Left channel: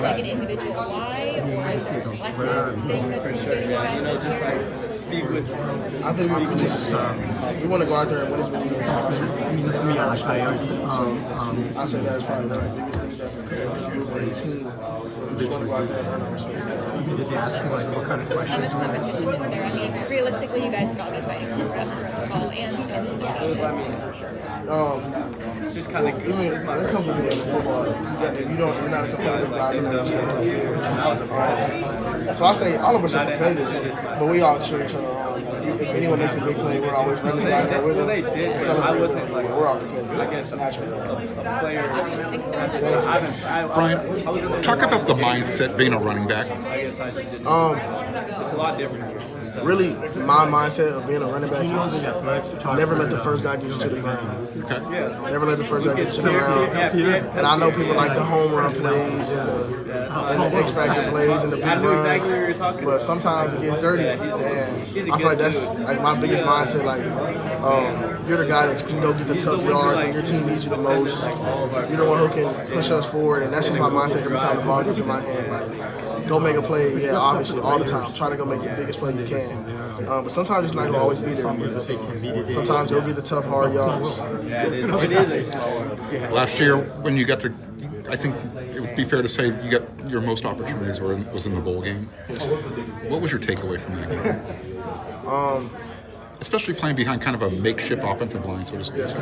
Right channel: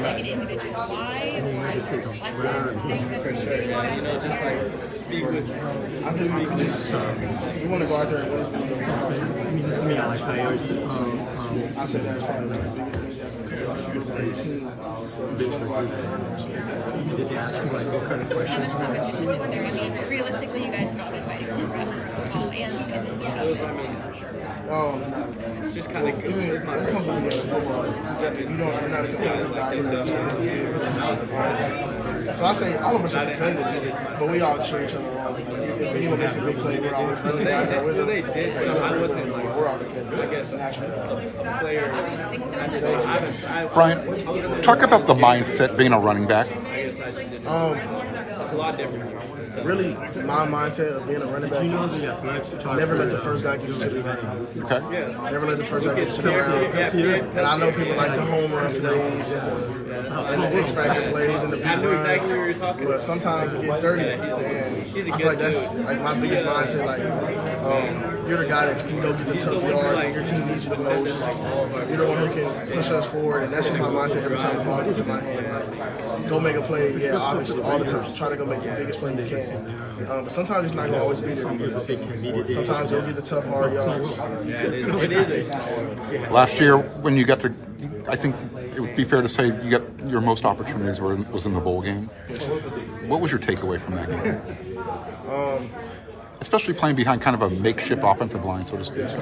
much like an individual why, or is there a collective thing that's motivating you guys this year? I think we want to go out there and win as many games as possible. So I say that's probably one of the biggest things as a collective group, as a team. We just want to go out there and earn our respect. How much competition is there? I mean, realistically, you guys could all be fighting for reps throughout the fall and into the season too. Even when it comes to the game of football, if you're not a competitive guy, you're not going to step on the field. So I say all of us are competitive, but we all cheer each other on. If anyone makes a big play, we're always running down there with them and celebrate with them. We're all competitive, naturally. Awesome. Thanks so much. Bryan, talk about the mindset being a running back. Really, my mindset of being a running back is never let the first guy get you to the ground. Okay. Never let the first guy get you to the ground. And I know people like the home run plays and the X Factor plays and the big runs, but sometimes it gets dirty. And I feel like that's like my biggest mindset. Like, you're the guy that can go get the tough yards when your team needs you the most. You're the one who can push us forward, and that's just my mindset every time the ball gets in my hands. Like, go make a play, yeah, obviously, all the time. Try to go make the biggest play you can. But sometimes it's not going to always be there. So sometimes you'll get the tough, hard yards. Last year, when you got I think it would be fair to say you got your most opportunities was in the bowl game. Yes, sir. What was your takeaway from that game? Especially playing behind kind of a makeshift offensive line, so to speak. Yes,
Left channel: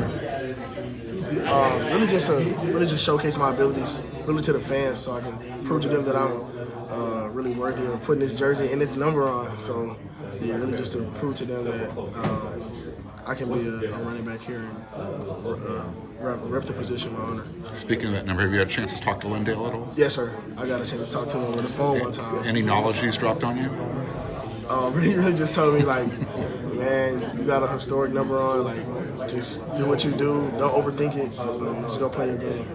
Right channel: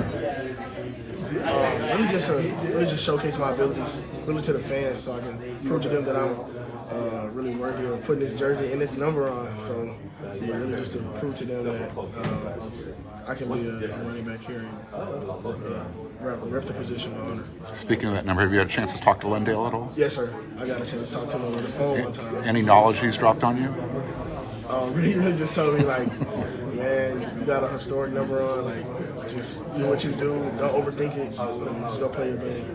sir. Really just showcase my abilities, really to the fans, so I can prove to them that I'm really worthy of putting this jersey and this number on. So, yeah, really just to prove to them that I can be a running back here and rep the position with honor. Speaking of that number, have you had a chance to talk to Lendale at all? Yes, sir. I got a chance to talk to him over the phone one time. Any knowledge he's dropped on you? He really just told me, like, man, you got a historic number on. Like, just do what you do. Don't overthink it. Just go play your game.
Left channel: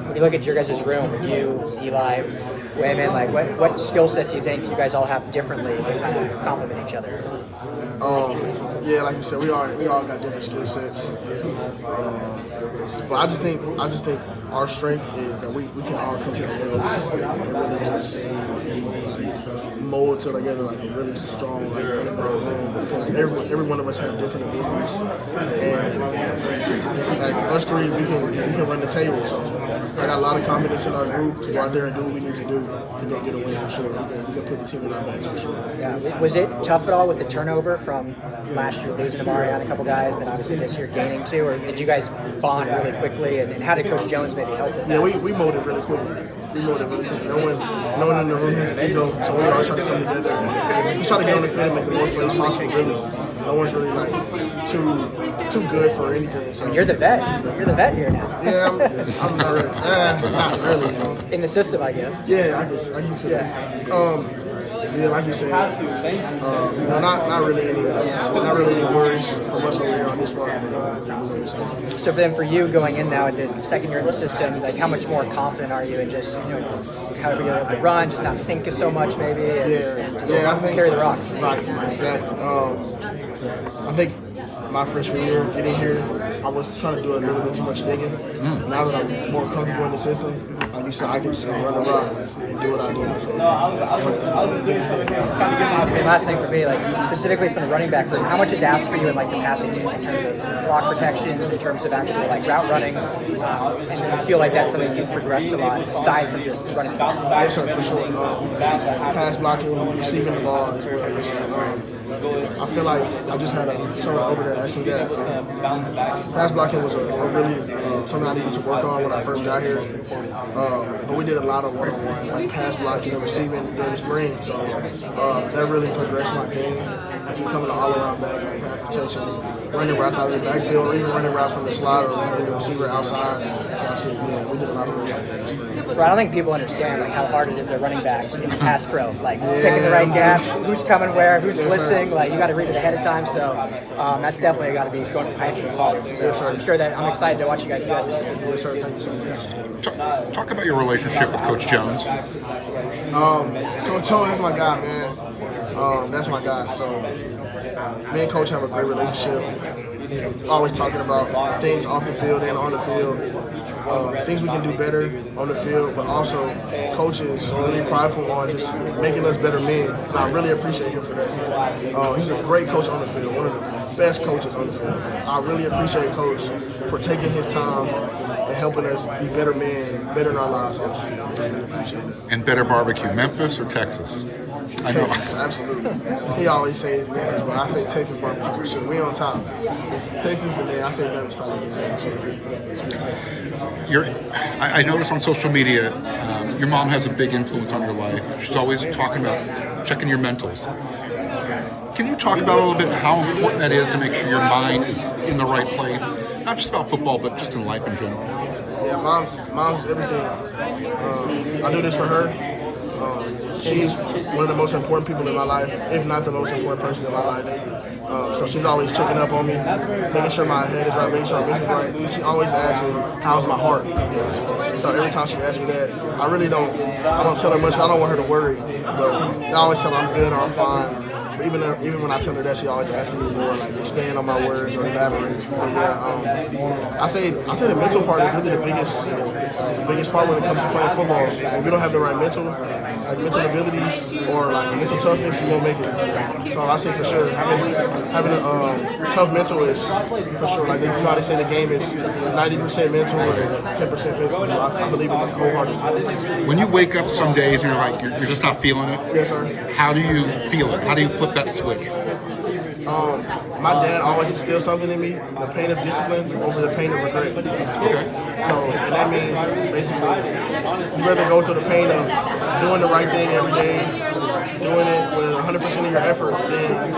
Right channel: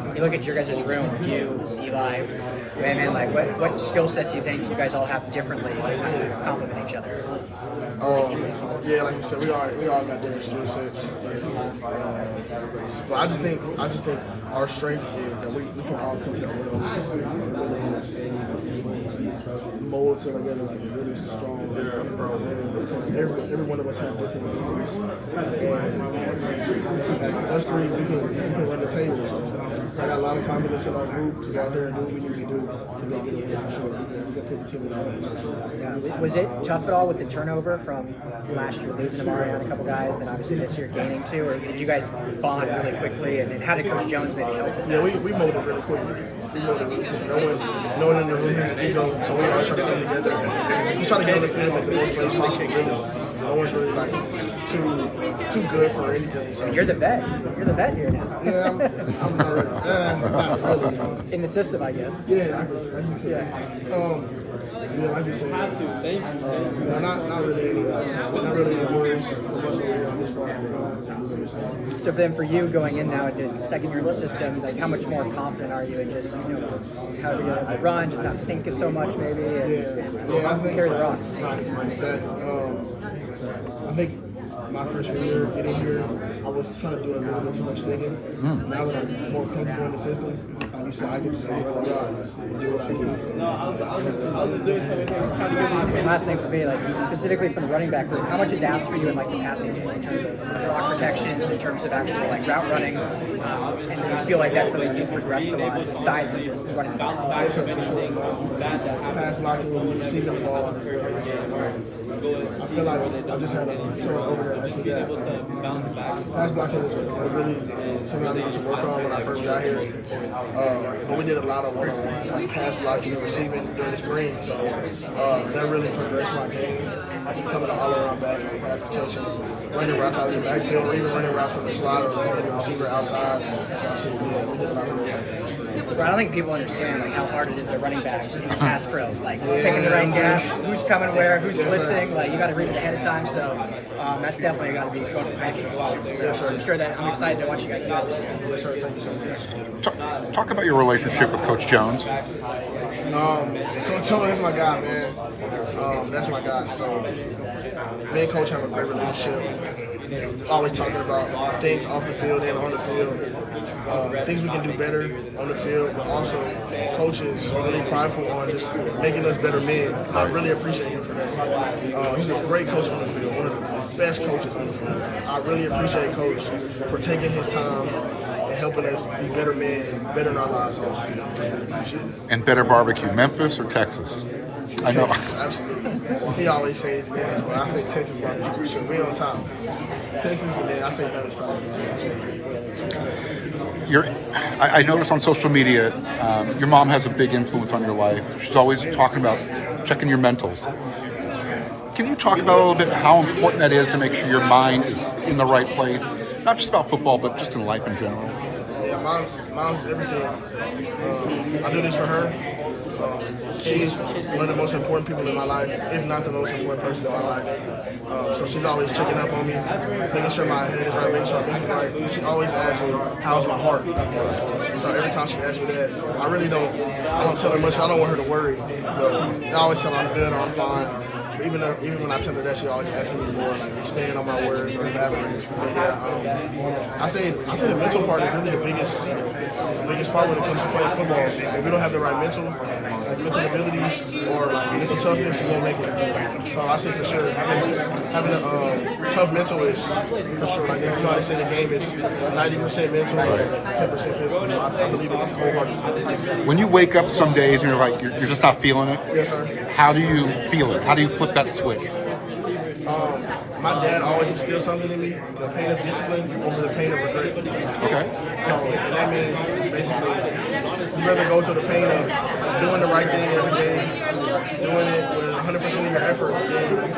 When you look at your guys' room, you, Eli, Raymond, like what skill sets do you think you guys all have differently that kind of complement each other? Yeah, like you said, we all got different skill sets. But I just think our strength is that we can all come together and really just like mold together like a really strong like running back room. So, like every one of us have different abilities, and like us three we can run the table. So I got a lot of confidence in our group to go out there and do what we need to do to go get a win for sure. We can put the team in our backs for sure. Yeah. Was it tough at all with the turnover from last year losing to Bryan, a couple guys, and then obviously this year gaining two? Or did you guys bond really quickly? And how did Coach Jones maybe help with that? Yeah, we molded really quickly. No one in the room has an ego, so we all try to come together and just try to get on the field and make the most plays possible. Really, no one's really like too good for anything. So You're the vet. You're the vet here now. yeah, I'm not really. Not really. In the system, I guess. Yeah, I guess you could. Yeah, like you said, not really any worries from us over here on this part. So then, for you going in now into second year in the system, like how much more confident are you in just how to be able to run, just not think so much maybe? Yeah, I think carry the rock. Right, exactly. I think my freshman year getting here, I was trying to do a little bit too much thinking. Now that I'm more comfortable in the system, like you said, I can just run around and do what I do. So I think that's the biggest thing. And last thing for me, like specifically for the running back room, how much is asked for you in like the passing game in terms of block protections, in terms of actually like route running, and I feel like that's something you've progressed a lot aside from just running the ball. Yes, sir, for sure. Pass blocking, receiving the ball as well. I feel like I just had someone over there ask me that. Pass blocking was a really something I needed to work on when I first got here. But we did a lot of one-on-one, like pass blocking and receiving during the spring. So that really progressed my game as becoming an all-around back, like pass protection, running routes out of the backfield, or even running routes from the slot or the receiver outside. So I said, yeah, we did a lot of those like that this spring. Well, I don't think people understand like how hard it is to running back in pass pro. Like picking the right gap, who's coming where, who's blitzing. Like you got to read it ahead of time. So that's definitely got to be going from heights to quality. So yes, sir. I'm sure that I'm excited to watch you guys do that this year. Yes, sir. Thank you so much. Talk about your relationship with Coach Jones. Coach Jones is my guy, man. That's my guy. So me and Coach have a great relationship. always talking about things off the field and on the field, things we can do better on the field, but also Coach is really prideful on just making us better men. And I really appreciate him for that. He's a great coach on the field, one of the best coaches on the field. I really appreciate Coach for taking his time and helping us be better men, better in our lives off the field. I really appreciate that. And better barbecue, Memphis or Texas? I know. Texas, absolutely. He always says Memphis, but I say Texas barbecue for sure. We on top. It's Texas, and then I say Memphis probably. I noticed on social media, your mom has a big influence on your life. She's always talking about checking your mentals. Can you talk about a little bit how important that is to make sure your mind is in the right place? Not just about football, but just in life in general. Yeah, mom's everything. I do this for her. She's one of the most important people in my life, if not the most important person in my life. So she's always checking up on me, making sure my head is right, making sure my vision's right. And she always asks me, how's my heart? So every time she asks me that, I don't tell her much. I don't want her to worry, but I always tell her I'm good or I'm fine. But even when I tell her that, she always asking me more, like expand on my words or elaborate. But yeah, I say the mental part is really the biggest part when it comes to playing football. If you don't have the right mental abilities or like mental toughness, you won't make it. So I say for sure having a tough mental is for sure. Like they say the game is 90% mental and 10% physical. So I believe in it wholeheartedly. When you wake up some days and you're like you're just not feeling it. Yes, sir. How do you feel it? How do you flip that switch? My dad always instilled something in me: the pain of discipline over the pain of regret. Okay. So, and that means basically you rather go through the pain of doing the right thing every day, doing it with 100% of your effort, than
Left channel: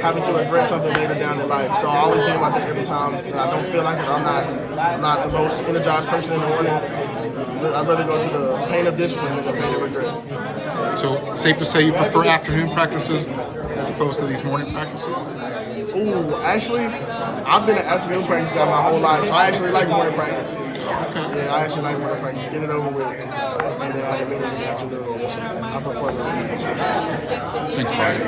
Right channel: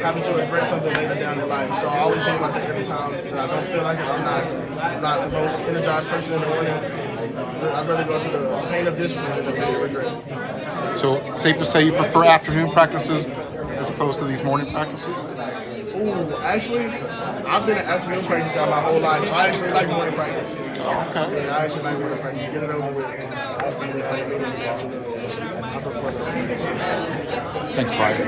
having to regret something later down in life. So I always think about that every time that I don't feel like it. I'm not the most energized person in the morning. I'd rather go through the pain of discipline than the pain of regret. So safe to say you prefer afternoon practices as opposed to these morning practices? Ooh, actually, I've been an afternoon practice guy my whole life, so I actually like morning practice. Okay. Yeah, I actually like morning practice. Get it over with. And then have a meeting in the afternoon. I prefer the morning practice. Thanks, Bryan.